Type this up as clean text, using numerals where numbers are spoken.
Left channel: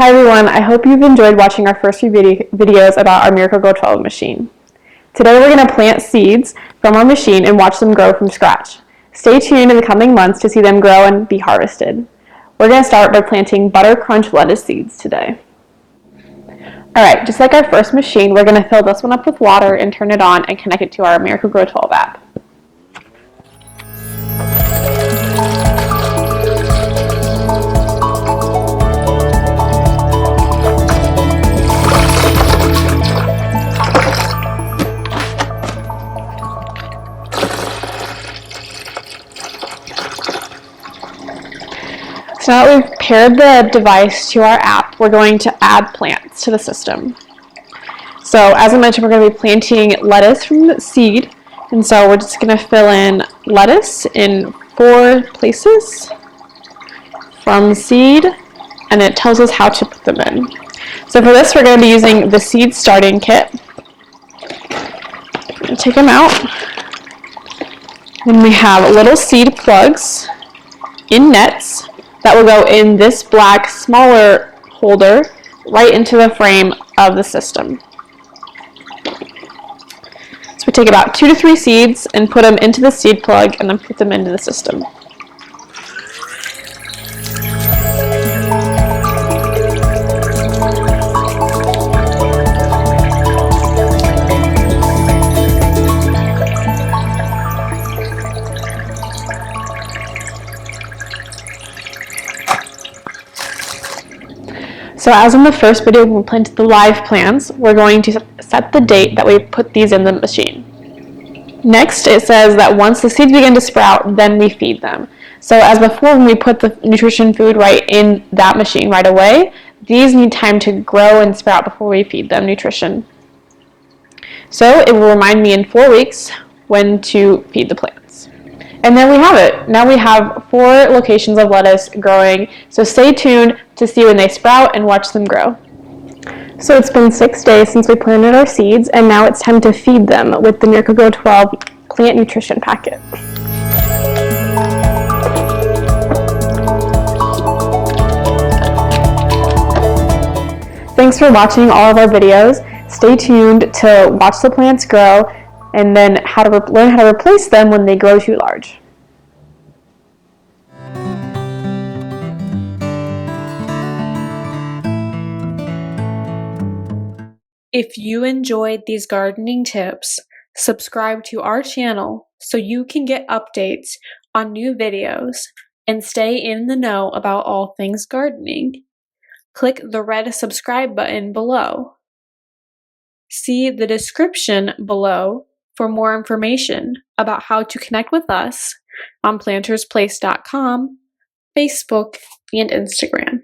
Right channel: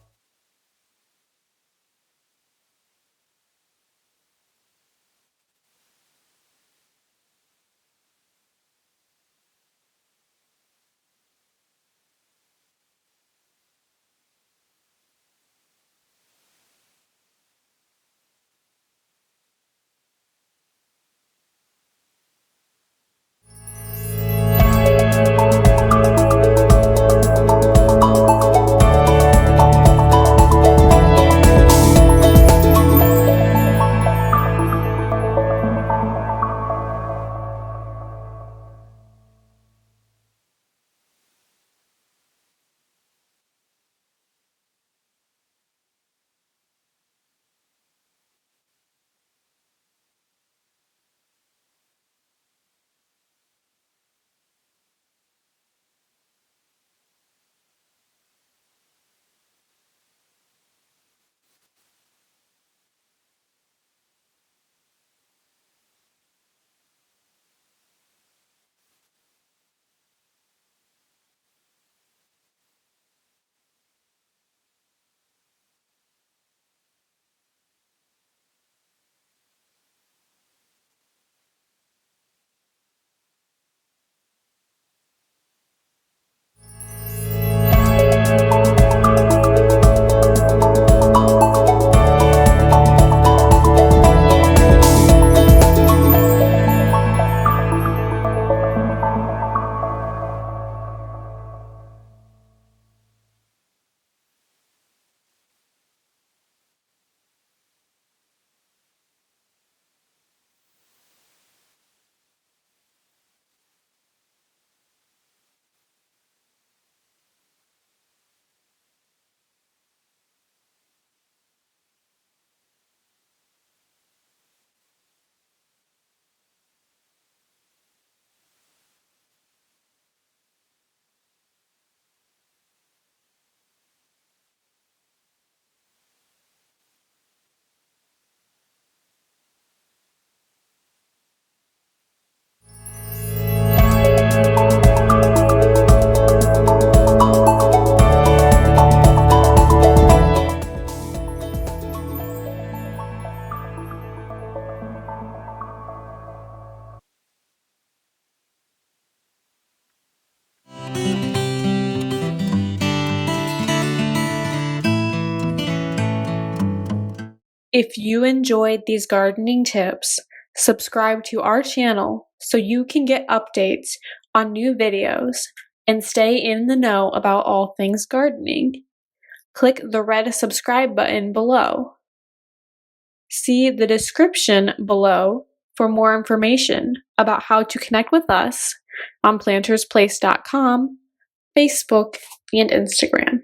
Hi everyone, I hope you've enjoyed watching our first few videos about our Miracle-Gro 12 machine. Today we're going to plant seeds from our machine and watch them grow from scratch. Stay tuned in the coming months to see them grow and be harvested. We're going to start by planting butter crunch lettuce seeds today. Alright, just like our first machine, we're going to fill this one up with water and turn it on and connect it to our Miracle-Gro 12 app. So now that we've paired the device to our app, we're going to add plants to the system. So as I mentioned, we're going to be planting lettuce from the seed, and so we're just going to fill in lettuce in 4 places from seed, and it tells us how to put them in. So for this, we're going to be using the seed starting kit. Take them out. Then we have little seed plugs in nets that will go in this black smaller holder right into the frame of the system. So we take about 2 to 3 seeds and put them into the seed plug and then put them into the system. So as in the first video when we planted the live plants, we're going to set the date that we put these in the machine. Next, it says that once the seeds begin to sprout, then we feed them. So as before, when we put the nutrition food right in that machine right away, these need time to grow and sprout before we feed them nutrition. So it will remind me in 4 weeks when to feed the plants. And there we have it. Now we have 4 locations of lettuce growing, so stay tuned to see when they sprout and watch them grow. So it's been 6 days since we planted our seeds, and now it's time to feed them with the Miracle-Gro 12 plant nutrition packet. Thanks for watching all of our videos. Stay tuned to watch the plants grow and then learn how to replace them when they grow too large. If you enjoyed these gardening tips, subscribe to our channel so you can get updates on new videos and stay in the know about all things gardening. Click the red subscribe button below. See the description below for more information about how to connect with us on PlantersPlace.com, Facebook, and Instagram.